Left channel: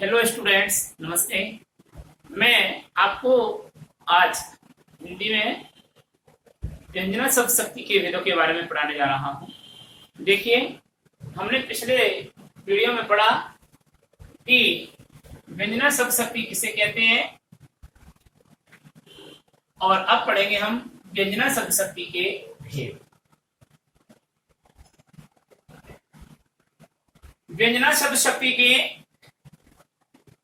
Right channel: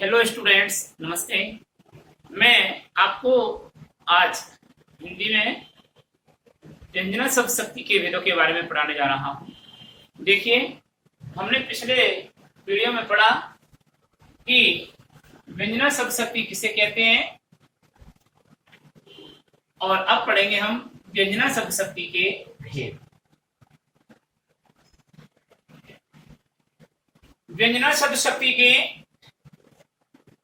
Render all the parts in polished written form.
Hello students, नमस्ते। मैं आपको आज हिंदी में व्यंजना शब्द शक्ति के भेदों के बारे में पढ़ाने जा रहा हूँ। देखिए, हमने पिछले वीडियो में पढ़ा कि व्यंजना शब्द शक्ति किसे कहते हैं, और अब पढ़ेंगे हम व्यंजना शब्द शक्ति के भेद। व्यंजना शब्द शक्ति के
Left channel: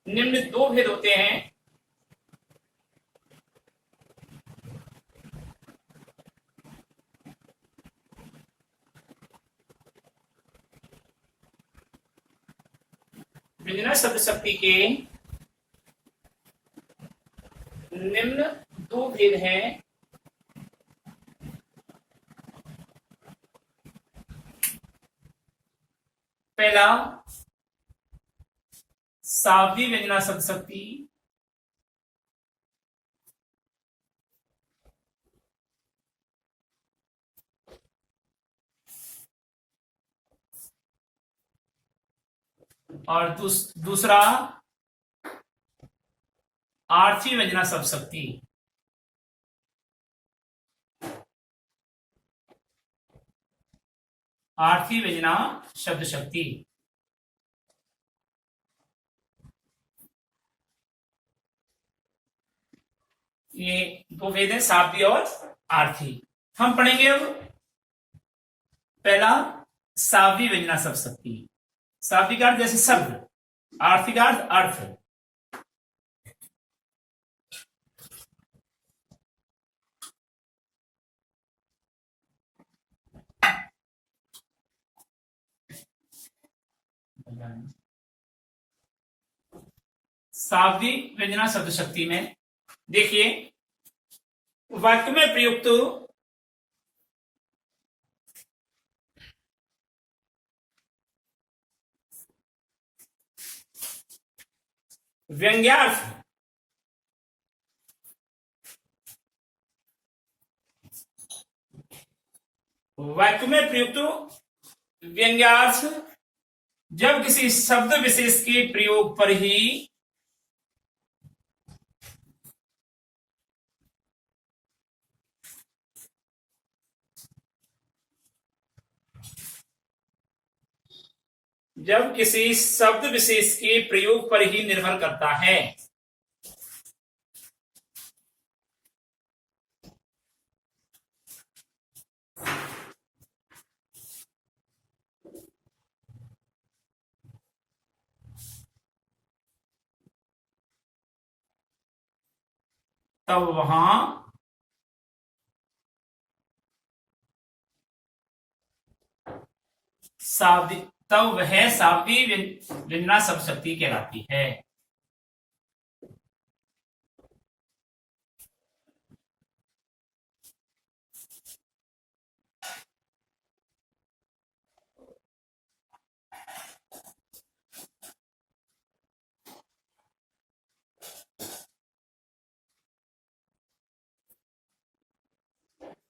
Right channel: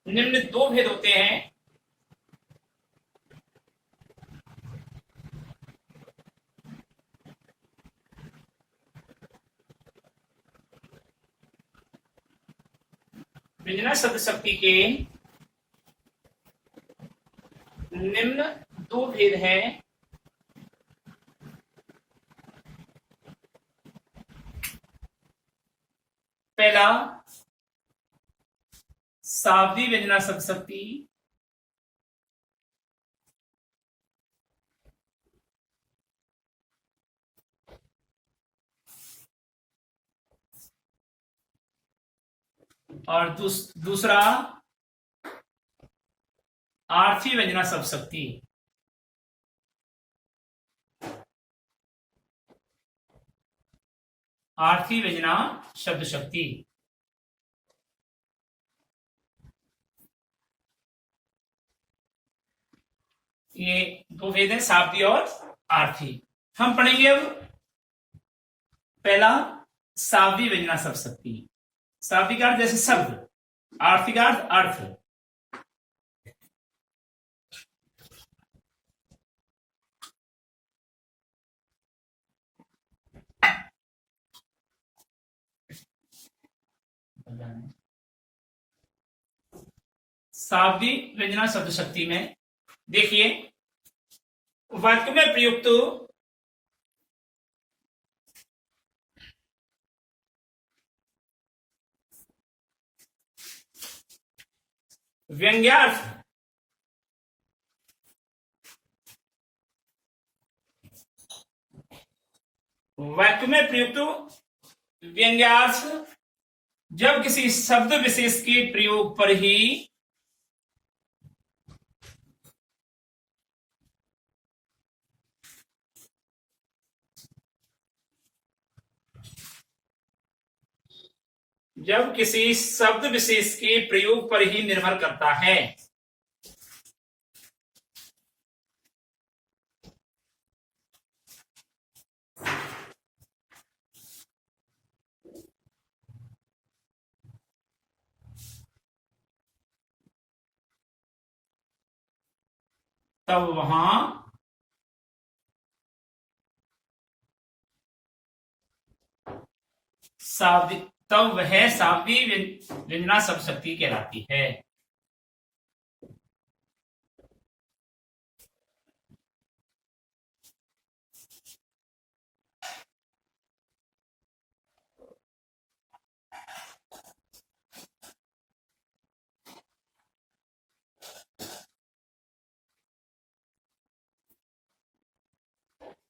निम्न दो भेद होते हैं। व्यंजना शब्द शक्ति के निम्न दो भेद हैं। पहला, सावधी व्यंजना शब्द शक्ति। और दूसरा, आर्थी व्यंजना शब्द शक्ति। आर्थी व्यंजना शब्द शक्ति। ये दो भेद हैं, शाब्दी और आर्थी। हम पढ़ेंगे अब पहला, शाब्दी व्यंजना शब्द शक्ति। शाब्दी का अर्थ जैसे शब्द, आर्थी का अर्थ अर्थ। शाब्दी व्यंजना शब्द शक्ति में देखिए, वाक्य में प्रयुक्त व्यंग्यार्थ व्यंग्यार्थ जब किसी शब्द विशेष के प्रयोग पर ही निर्भर करता है। तब वह शाब्दी व्यंजना शब्द शक्ति कहलाती है।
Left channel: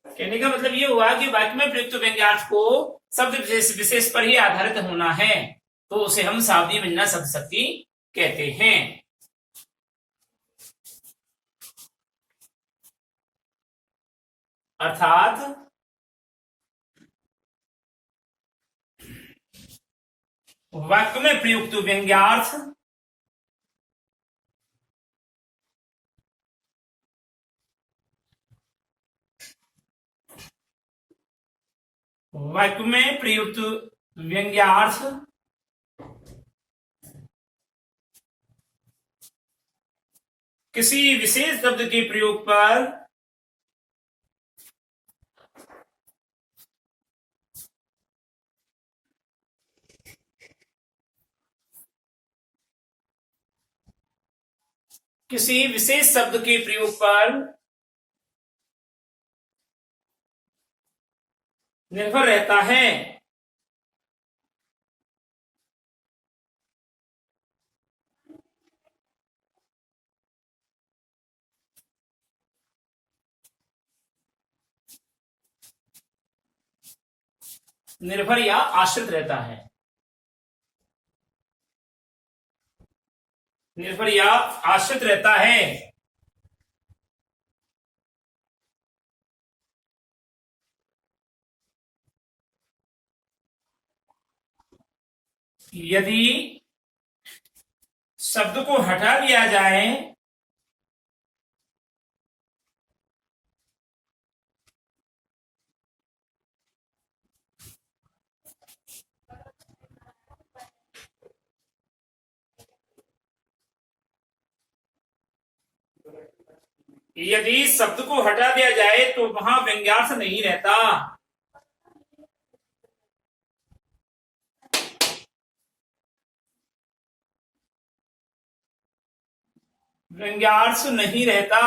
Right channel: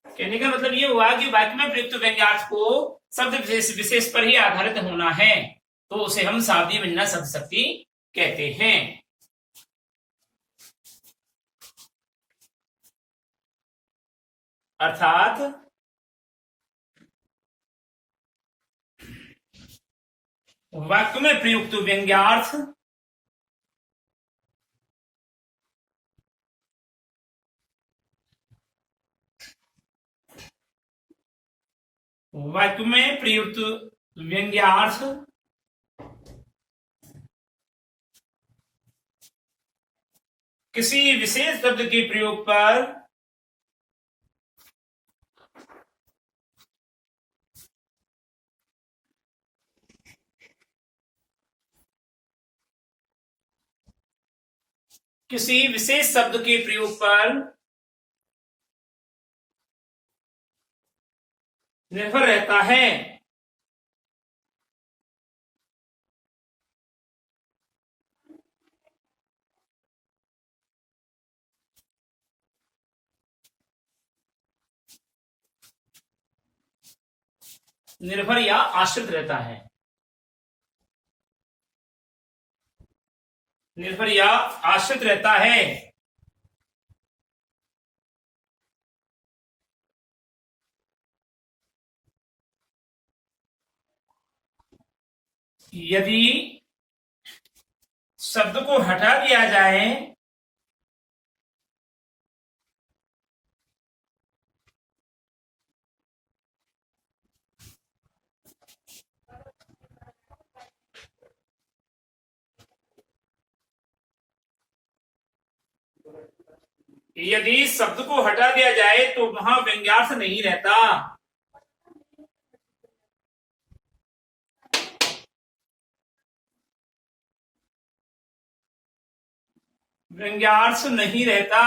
कहने का मतलब ये हुआ कि वाक्य में प्रयुक्त व्यंग्यार्थ को शब्द विशेष पर ही आधारित होना है, तो उसे हम शाब्दी व्यंजना शब्द शक्ति कहते हैं। अर्थात वाक्य में प्रयुक्त व्यंग्यार्थ किसी विशेष शब्द के प्रयोग पर निर्भर रहता है। निर्भर या आश्रित रहता है। निर्भर या आश्रित रहता है। यदि शब्द को हटा दिया जाए यदि शब्द को हटा दिया जाए तो वहां व्यंग्यार्थ नहीं रहता। व्यंग्यार्थ नहीं रहता।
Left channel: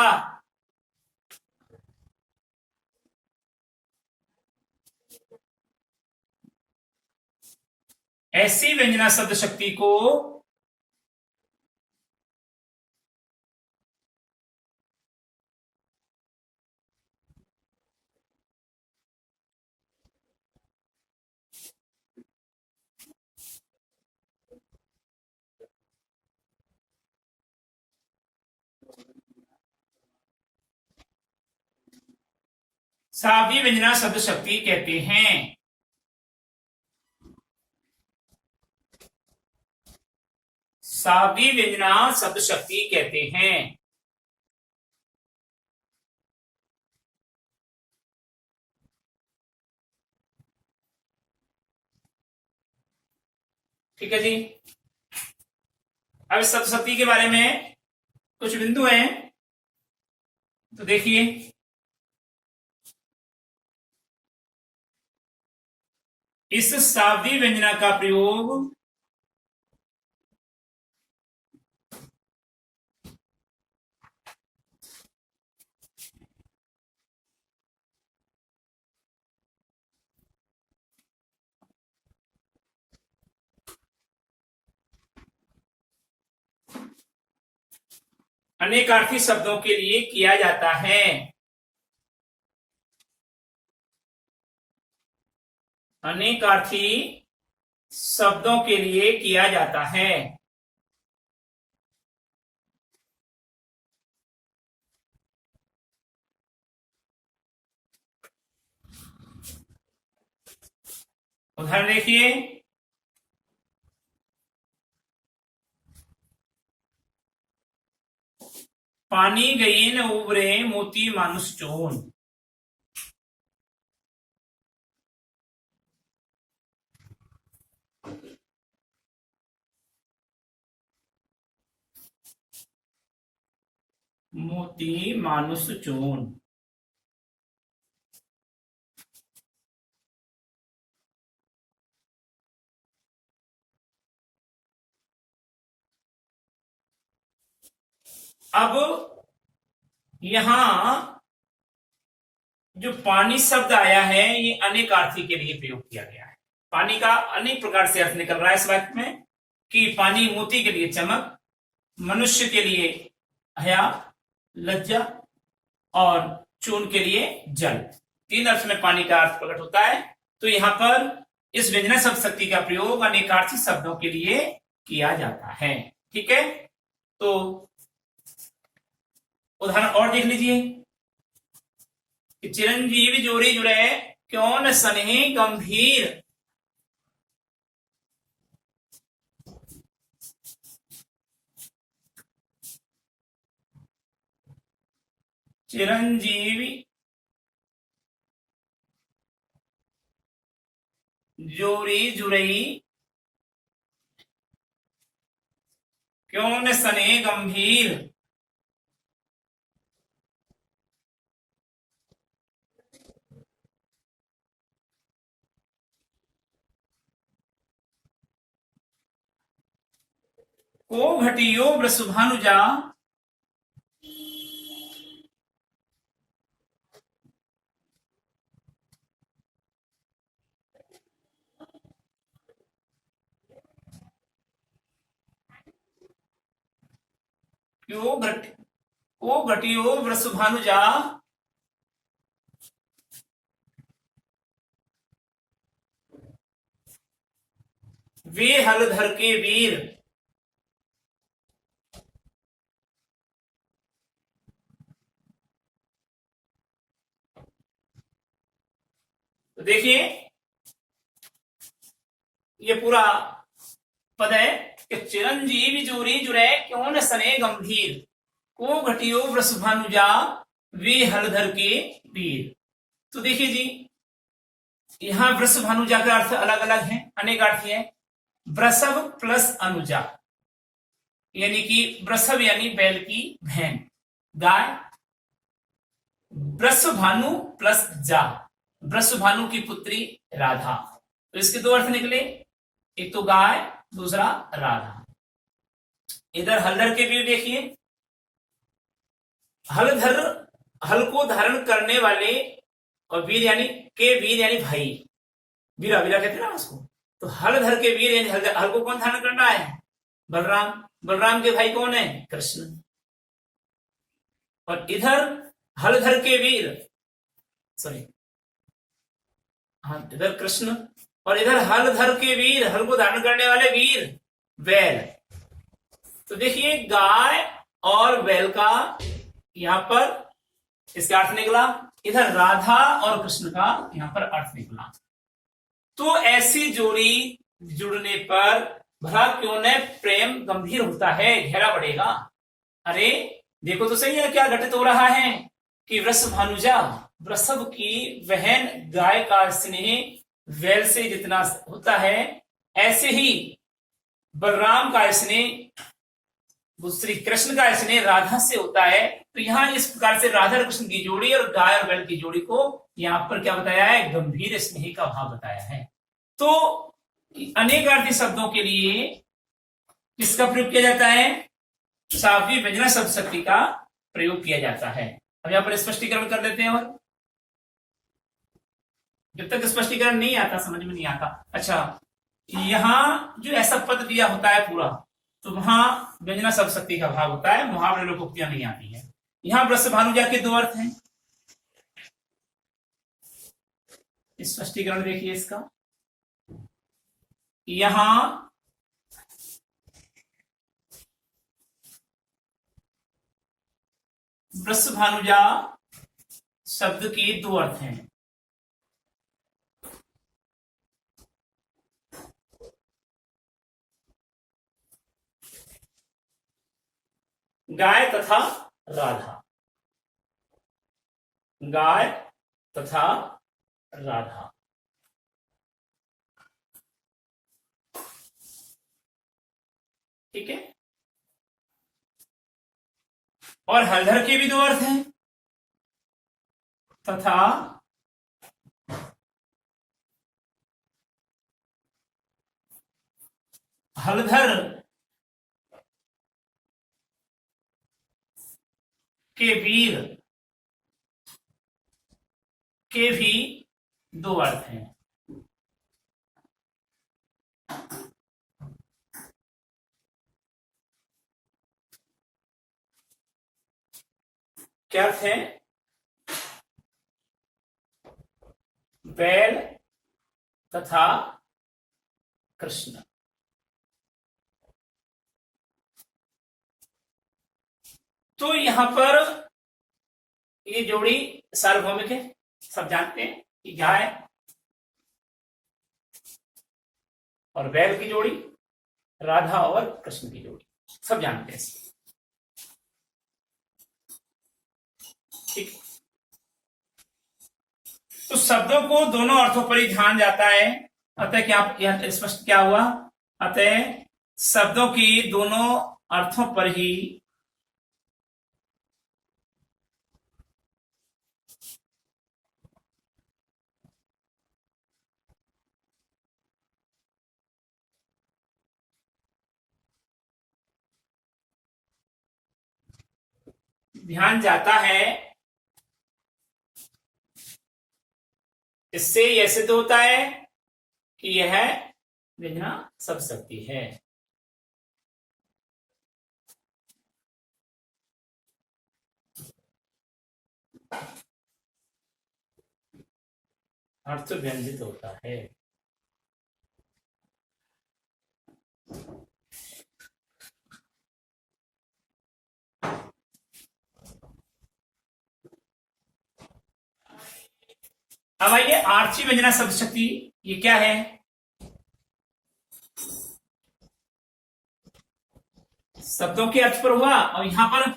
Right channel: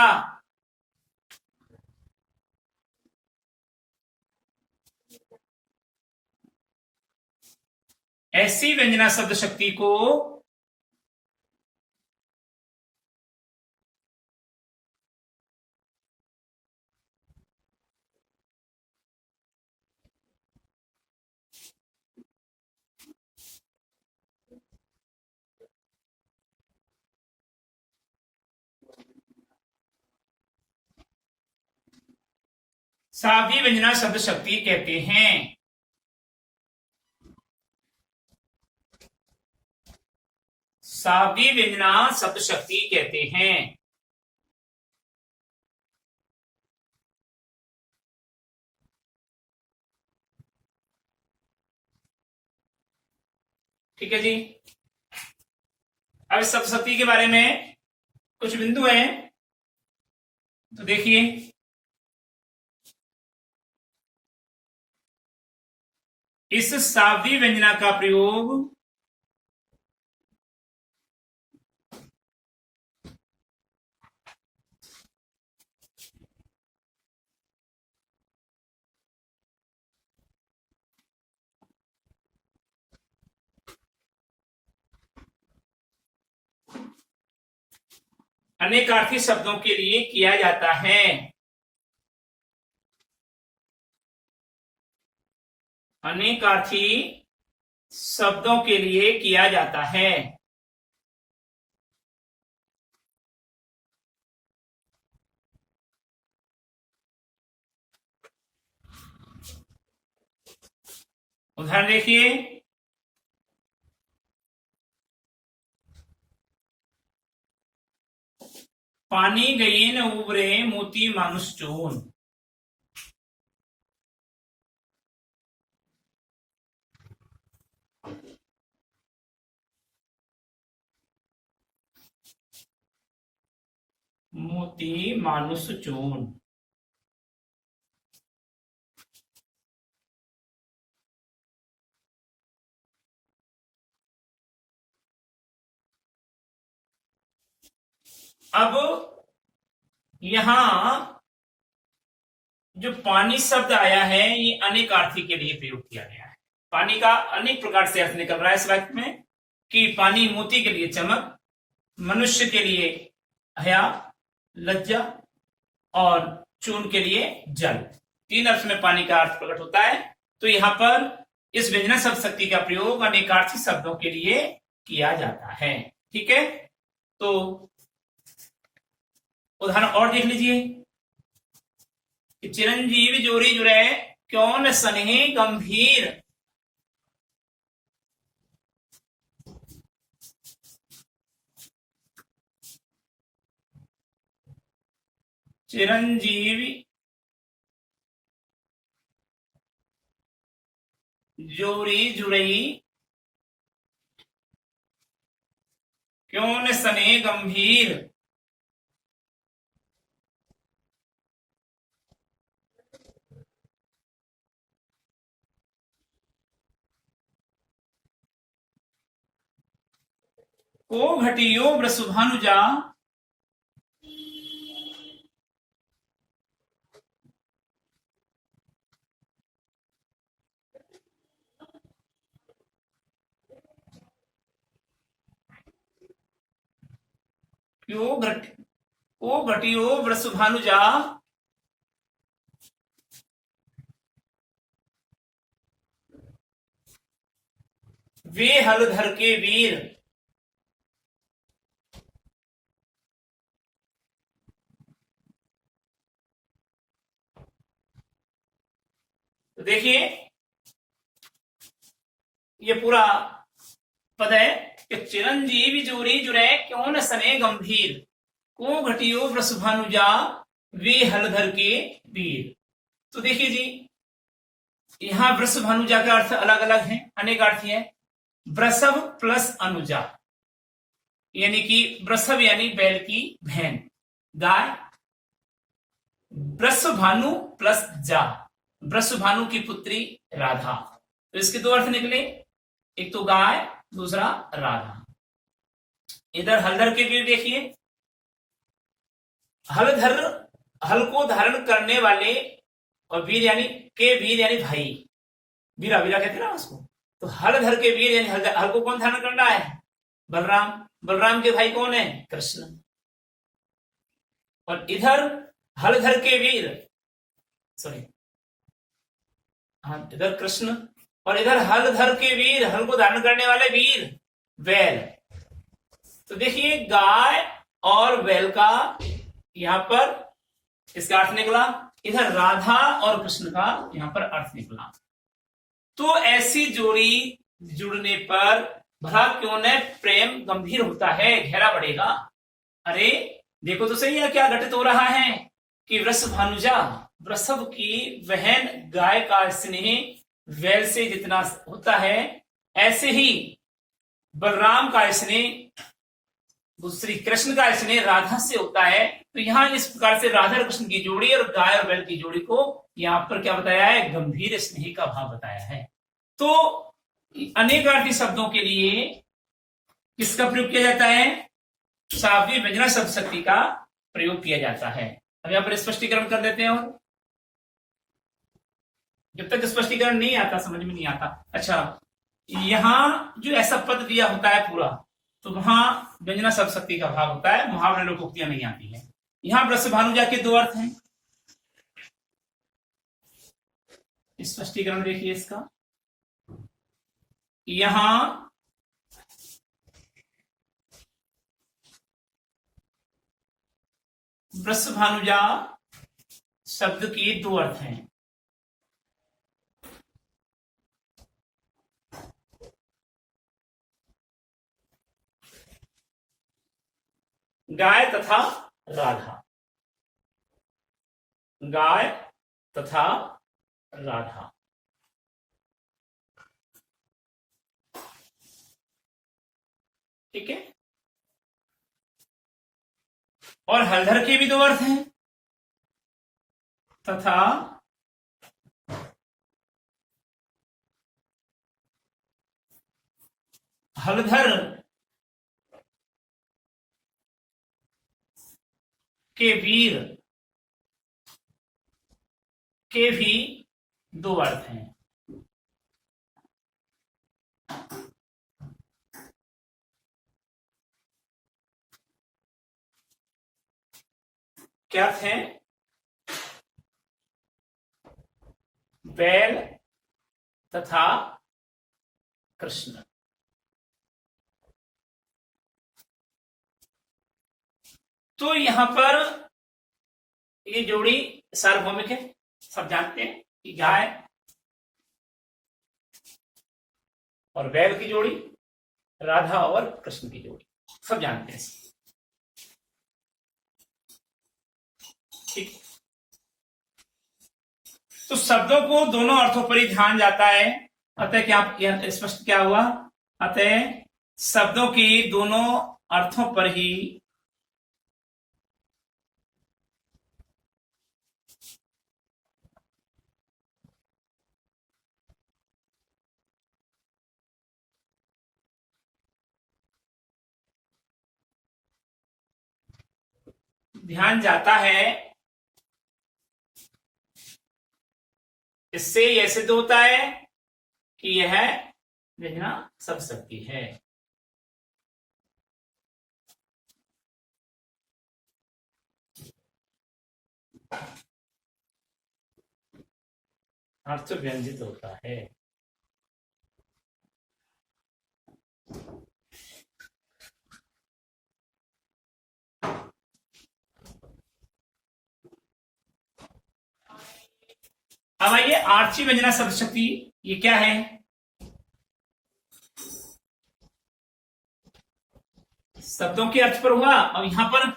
ऐसी व्यंजना शब्द शक्ति को सावी व्यंजना शब्द शक्ति कहते हैं। सावी व्यंजना शब्द शक्ति कहते हैं। ठीक है जी। अब शब्द शक्ति के बारे में कुछ बिंदु हैं, तो देखिए। इस सावधी व्यंजना का प्रयोग अनेकार्थी शब्दों के लिए किया जाता है। अनेकार्थी शब्दों के लिए किया जाता है। उदाहरण देखिए। पानी गई न उबरे मोती मानुष चोन। मोती मानुष चोन। अब यहां जो पानी शब्द आया है ये अनेकार्थी के लिए प्रयोग किया गया है। पानी का अनेक प्रकार से अर्थ निकल रहा है इस वाक्य में कि पानी मोती के लिए चमक, मनुष्य के लिए हया, लज्जा और चून के लिए जल। तीन अर्थ में पानी का अर्थ प्रकट होता है। तो यहां पर इस व्यंजना शब्द शक्ति का प्रयोग अनेकार्थी शब्दों के लिए किया जाता है। ठीक है, तो उदाहरण और देख लीजिए। चिरंजीवी जोरी जुड़े क्यों न सनेह गंभीर। चिरंजीवी जोरी जुड़ई क्यों न सने गंभीर। को घटियो वृषभानुजा को घटियो वृषभानुजा वे हलधर के वीर। तो देखिए ये पूरा पद है कि चिरंजीवी जोरी जुरे क्यों न सने गंभीर, को घटियो वृषभानुजा वे हलधर के वीर। तो देखिए जी, यहां वृषभानुजा का अर्थ अलग अलग है, अनेक अर्थ है। वृषभ प्लस अनुजा, यानी कि वृषभ यानी बैल की बहन गाय, वृषभानु प्लस जा, वृषभानु की पुत्री राधा। तो इसके दो अर्थ निकले, एक तो गाय, दूसरा राधा। इधर हलधर के वीर देखिए, हलधर हल को धारण करने वाले, और वीर यानी भाई, वीरा वीरा कहते हैं ना उसको। तो हलधर के वीर यानी हल को कौन धारण करना है? बलराम। बलराम के भाई कौन है? कृष्ण। और इधर हलधर के वीर, सॉरी हाँ, इधर कृष्ण, और इधर हलधर के वीर, हल को धारण करने वाले वीर बैल। तो देखिए गाय और बैल का यहां पर इसका अर्थ निकला, इधर राधा और कृष्ण का यहां पर अर्थ निकला। तो ऐसी जोड़ी जुड़ने पर भला क्यों न प्रेम गंभीर होता है, गहरा बढ़ेगा। अरे देखो तो सही है क्या घटित हो रहा है कि वृषभानुजा, वृषभ की बहन गाय का स्नेह बैल से जितना होता है, ऐसे ही बलराम का स्नेह, श्री कृष्ण का स्नेह राधा से होता है। तो यहां इस प्रकार से राधा और कृष्ण की जोड़ी और गाय और बैल की जोड़ी को यहां पर क्या बताया है? गंभीर स्नेह का भाव बताया है। तो अनेकार्थी शब्दों के लिए किसका प्रयोग किया जाता है? सावी व्यंजना शब्द शक्ति का प्रयोग किया जाता है। अब यहां पर स्पष्टीकरण कर लेते हैं, और जब तक स्पष्टीकरण नहीं आता समझ में नहीं आता। अच्छा, यहां जो ऐसा पद दिया होता है पूरा, तो वहां व्यंजना शब्द शक्ति का भाव होता है, मुहावरे लोकोक्तियां नहीं आती है। यहां वृषभानुजा के दो अर्थ हैं, स्पष्टीकरण देखिए इसका। यहां वृषभानुजा शब्द के दो अर्थ हैं। गाय तथा राधा, गाय तथा राधा। ठीक है। और हलधर के भी दो अर्थ हैं, तथा हलधर के वीर के भी दो अर्थ हैं। क्या अर्थ है? बैल तथा कृष्ण। तो यहां पर ये जोड़ी सार्वभौमिक है, सब जानते हैं कि गाय और बैल की जोड़ी, राधा और कृष्ण की जोड़ी, सब जानते हैं। ठीक। तो शब्दों को दोनों अर्थों पर ही ध्यान जाता है। अतः क्या स्पष्ट क्या हुआ? अतः शब्दों की दोनों अर्थों पर ही ध्यान जाता है। इससे यह सिद्ध होता है कि यह व्यंजना शब्द शक्ति है। अर्थ व्यंजित होता है। अब आइए आर्थी व्यंजना शब्द शक्ति, ये क्या है? शब्दों के अर्थ पर हुआ और यहां पर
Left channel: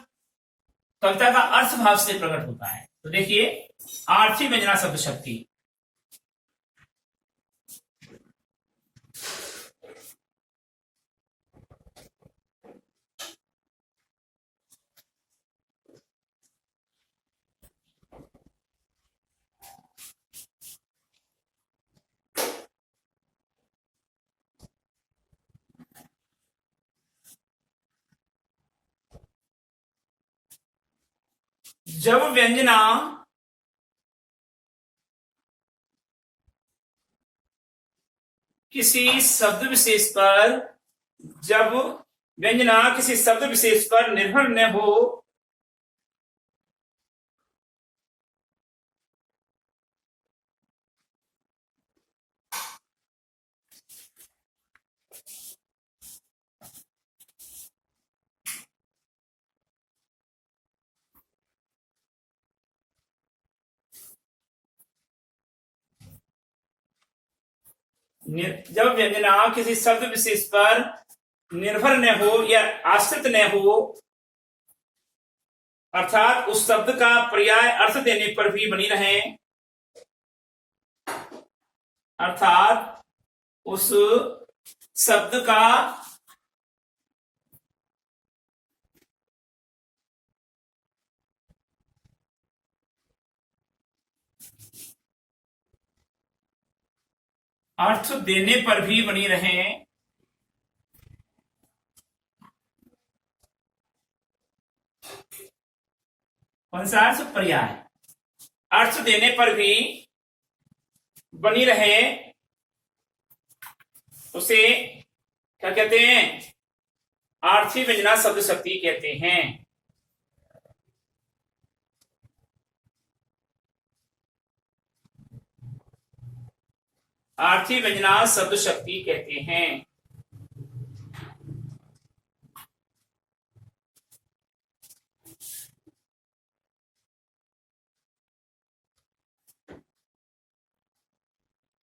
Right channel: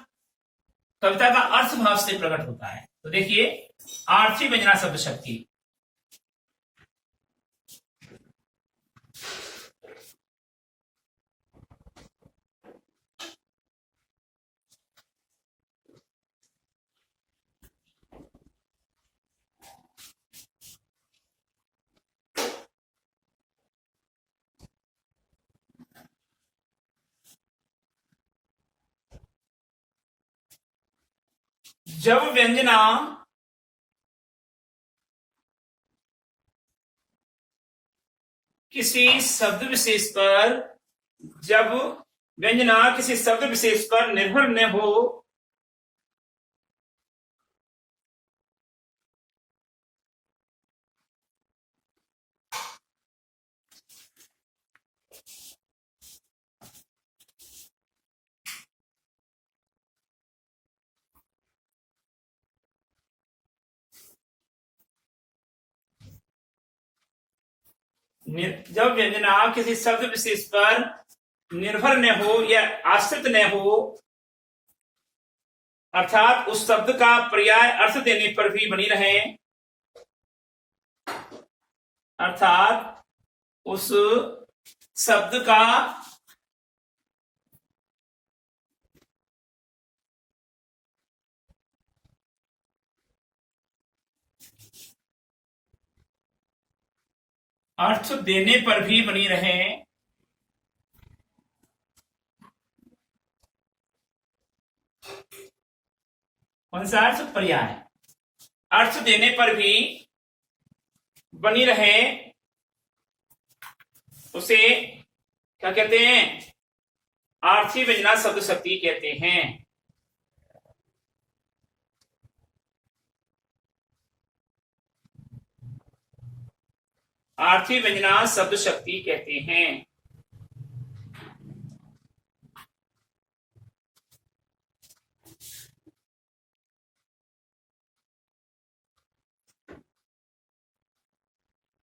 कविता का अर्थ भाव से प्रकट होता है। तो देखिए आर्थी व्यंजना शब्द शक्ति, जब व्यंजना किसी शब्द विशेष पर, जब व्यंजना किसी शब्द विशेष पर निर्भर न हो, जब व्यंजना किसी शब्द विशेष पर निर्भर न हो या आश्रित न हो, अर्थात उस शब्द का पर्याय अर्थ देने पर भी बनी रहे, अर्थात उस शब्द का अर्थ देने पर भी बनी रहे, कौन सा अर्थ? पर्याय। अर्थ देने पर भी बनी रहे, उसे क्या कहते हैं? आर्थी व्यंजना शब्द शक्ति कहते हैं। आर्थी व्यंजना शब्द शक्ति कहते हैं।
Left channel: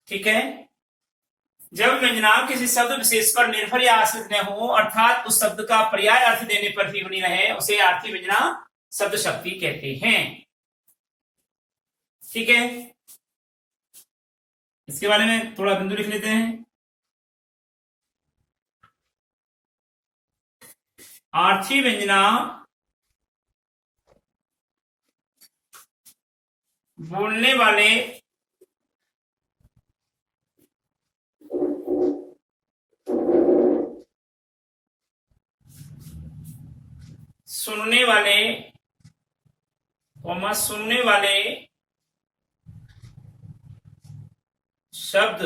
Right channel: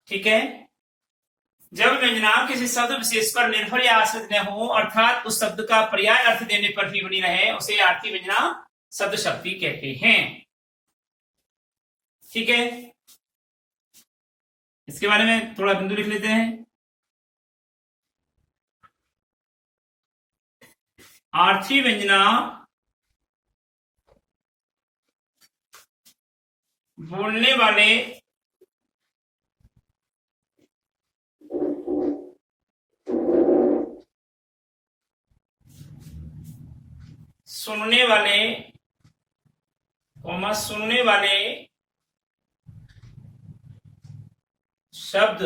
ठीक है, जब व्यंजना किसी शब्द विशेष पर निर्भर या आश्रित न हो, अर्थात उस शब्द का पर्याय अर्थ देने पर भी बनी रहे, उसे आर्थी व्यंजना शब्द शक्ति कहते हैं। ठीक है, इसके बारे में थोड़ा बिंदु लिख लेते हैं। आर्थी व्यंजना बोलने वाले सुनने वाले, सुनने वाले शब्द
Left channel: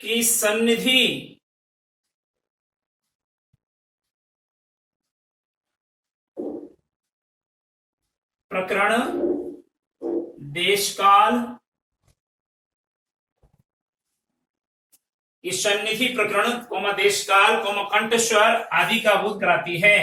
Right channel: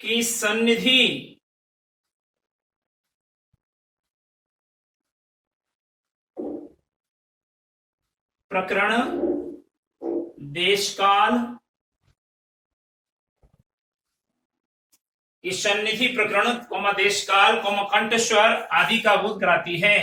की सन्निधि प्रकरण, देशकाल, इस सन्निधि प्रकरण देशकाल कंठ स्वर आदि का बोध कराती है।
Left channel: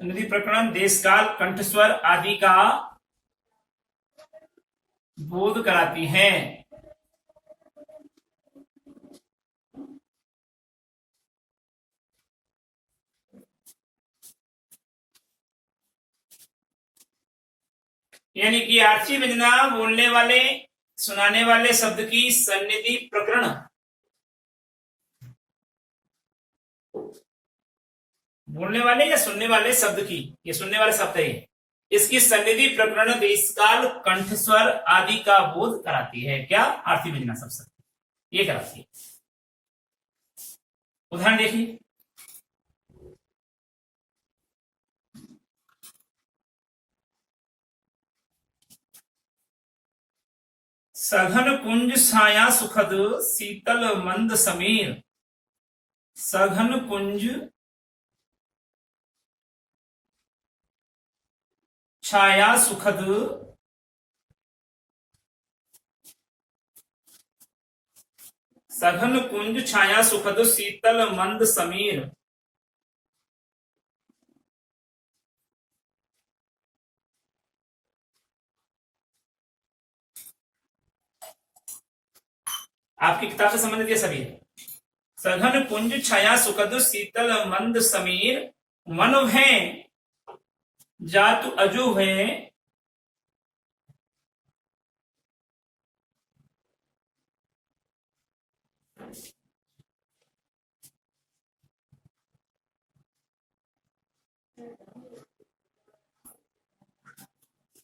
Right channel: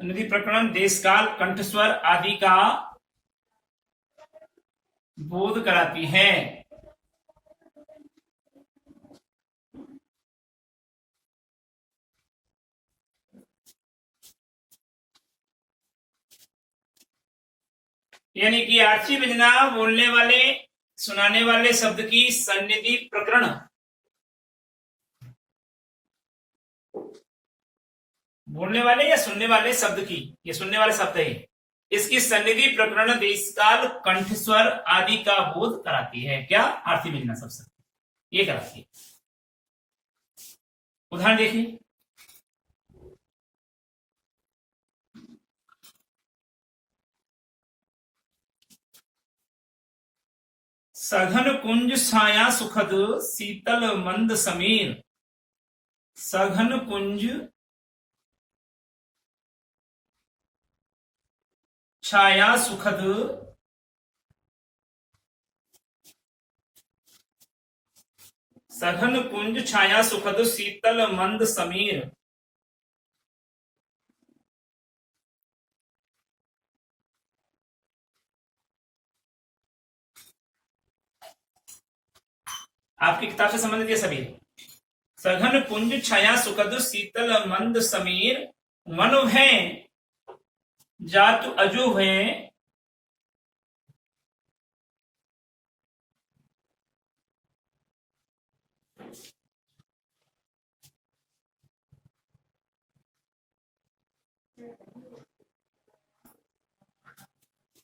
सन्निधि प्रकरण, देशकाल, कंठ स्वर आदि का बोध कराती है। यानी कि आर्थी व्यंजना बोलने वाले सुनाने वाले शब्द की सन्निधि प्रकरण, बोलने वाले या सुनने वाले शब्द की, ये सुनने वाले शब्द है, इसकी सन्निधि प्रकरण, देशकाल, कंठ स्वर आदि का बोध कराती है। क्या? आर्थी व्यंजना शब्द ये कराती है। उदाहरण देखिए, सघन कुंज छाया सुखद शीतल मंद समीर, सघन कुंज छाया सुखद सघन कुंज छाया सुखद शीतल मंद समीर। आपकी किताब से संबंधित ये सभी है। सघन कुंज छाया सुखद शीतल मंद समीर, मन भय जातु अजु भय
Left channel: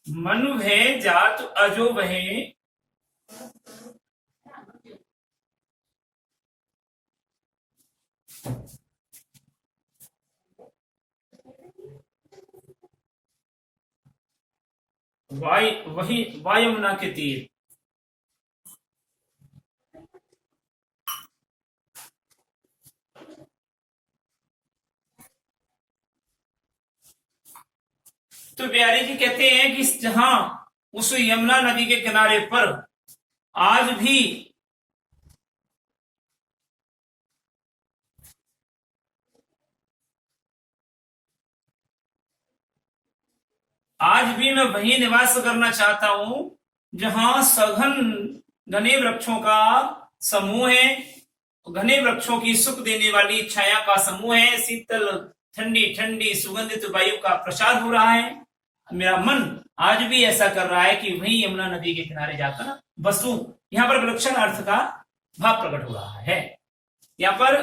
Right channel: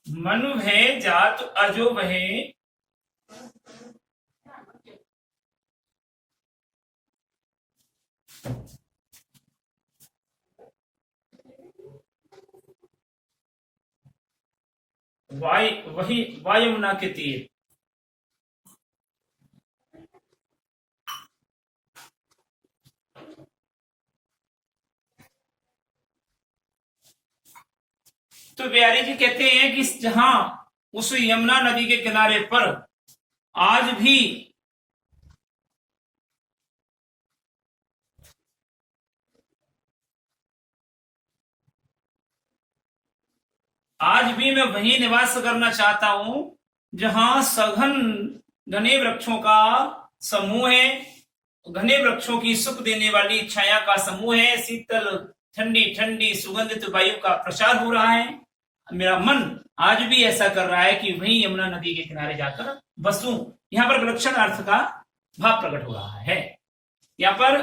मनु भय जातु अजो भय वही वायुमना के तीर। तो बिहारी जी कहते हैं कि जहां उस यमुना नदी के किनारे पर आज भी मैं वही निवास करना चाहता हूं जहां सघन घने वृक्षों का समूह है, घने वृक्षों की सुख देने वाली छाया का समूह है, शीतल ठंडी ठंडी सुगंधित वायु का प्रसार हो रहा है। मेरा मन आज भी ऐसा कर रहा है कि वही यमुना नदी के किनारे जाकर बसूं। यहां पर विलक्षण अर्थ का भाव प्रकट हो रहा है। यहां पर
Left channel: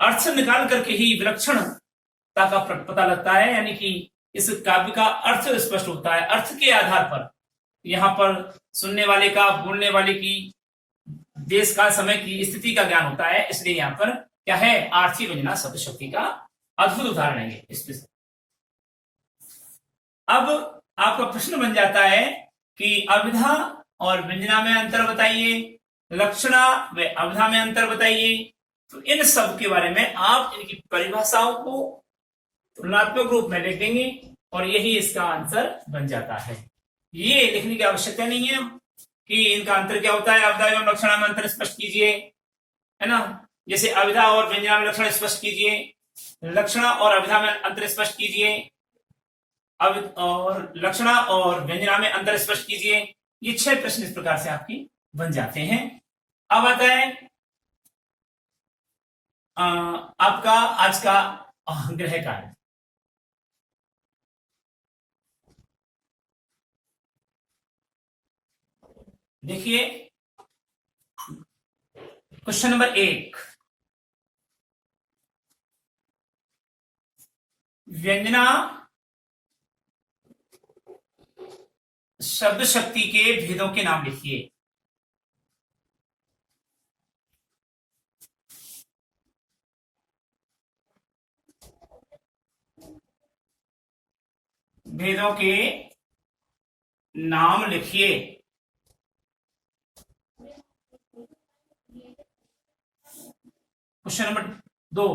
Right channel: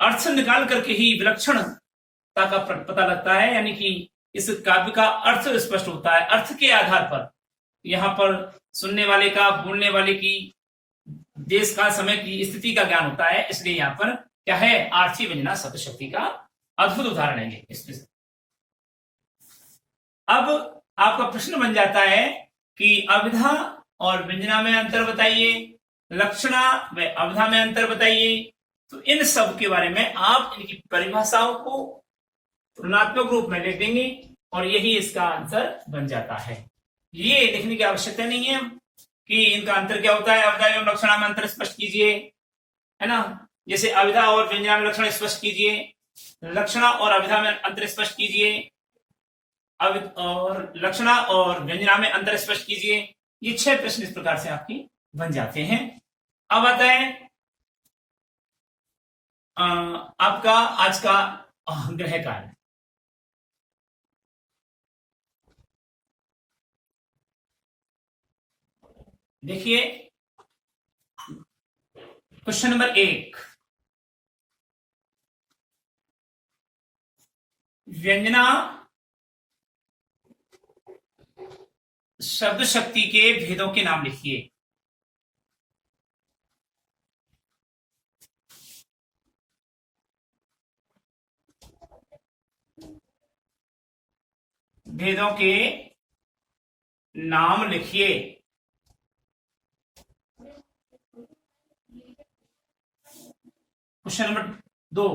अर्थ निकाल करके ही विलक्षणता का पता लगता है, यानी कि इस काव्य का अर्थ स्पष्ट होता है। अर्थ के आधार पर यहाँ पर सुनने वाले का, बोलने वाले की, देश का, समय की स्थिति का ज्ञान होता है। इसलिए यहाँ पर क्या है, आर्थी व्यंजना शब्द शक्ति का अद्भुत उदाहरण है इसमें। अब आपका प्रश्न बन जाता है कि अभिधा और व्यंजना में अंतर बताइए, लक्षणा व अभिधा में अंतर बताइए। तो इन सब के बारे में आप इनकी परिभाषाओं को तुलनात्मक रूप में लिख देंगे और यही इसका आंसर बन जाता है। ये लिखने की आवश्यकता नहीं है कि इनका अंतर क्या होता है। अभिधा एवं लक्षणा में अंतर स्पष्ट कीजिए, है ना। जैसे अभिधा और व्यंजना में लक्षण स्पष्ट कीजिए, लक्षणा और अभिधा में अंतर स्पष्ट कीजिए, और लक्षणा और व्यंजना में अंतर स्पष्ट कीजिए। ये 6 प्रश्न इस प्रकार से आपकी बन जाते हैं। अब आता है आपका आज का गृह कार्य। देखिए क्वेश्चन नंबर 1, व्यंजना शब्द शक्ति के भेदों के नाम लिखिए। भेदों के नाम लिखिए। क्वेश्चन नंबर 2,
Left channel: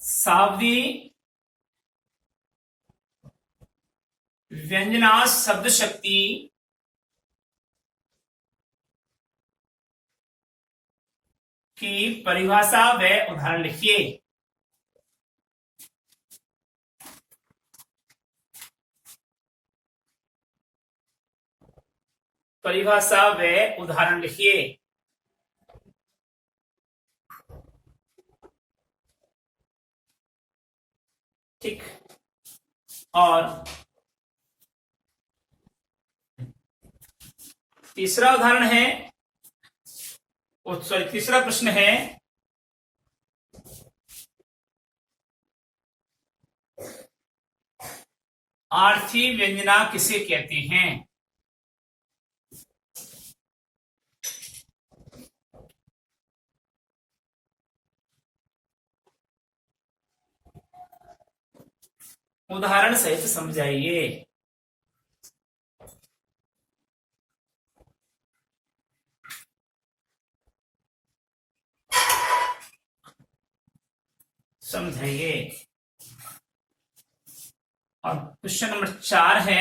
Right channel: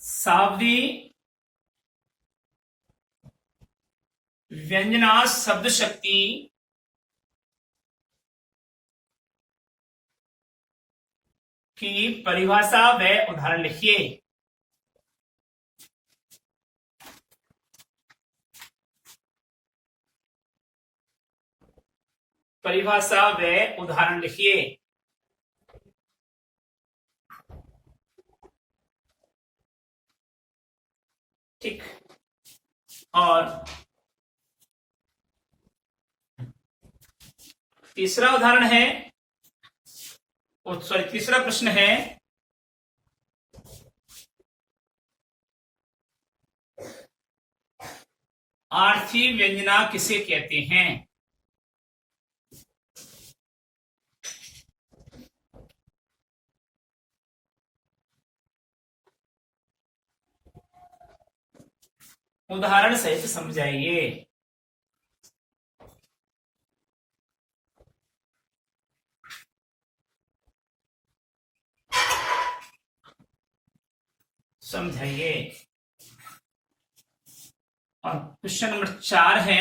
सावधी व्यंजना शब्द शक्ति की परिभाषा व उदाहरण लिखिए। परिभाषा व उदाहरण लिखिए। ठीक। और तीसरा उदाहरण है, सॉरी तीसरा प्रश्न है, आर्थी व्यंजना किसे कहते हैं। उदाहरण सहित समझाइए। समझाइए। और क्वेश्चन नंबर 4 है,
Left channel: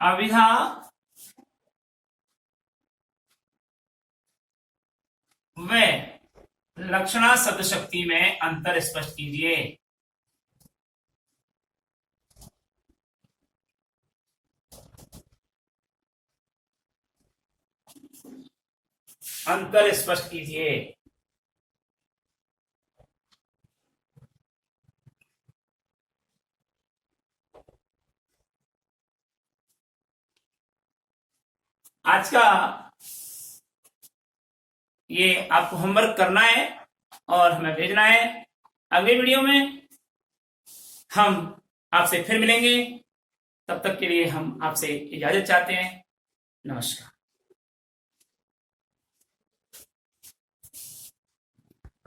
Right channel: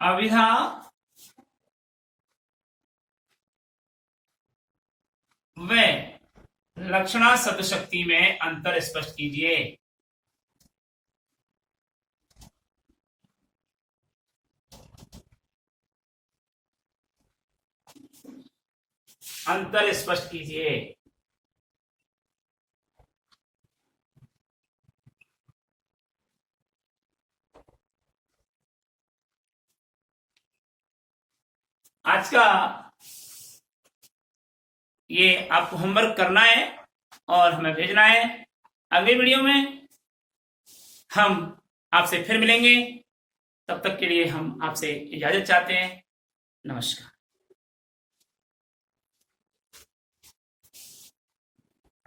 अविधा व लक्षणा शब्द शक्ति में अंतर स्पष्ट कीजिए। अंतर स्पष्ट कीजिए। आज का ये आपको होमवर्क करना है और हमें भेजना है। अगले वीडियो में हम आपसे फिर मिलेंगे। तब तक के लिए हम आपसे इजाजत चाहते हैं। नमस्कार।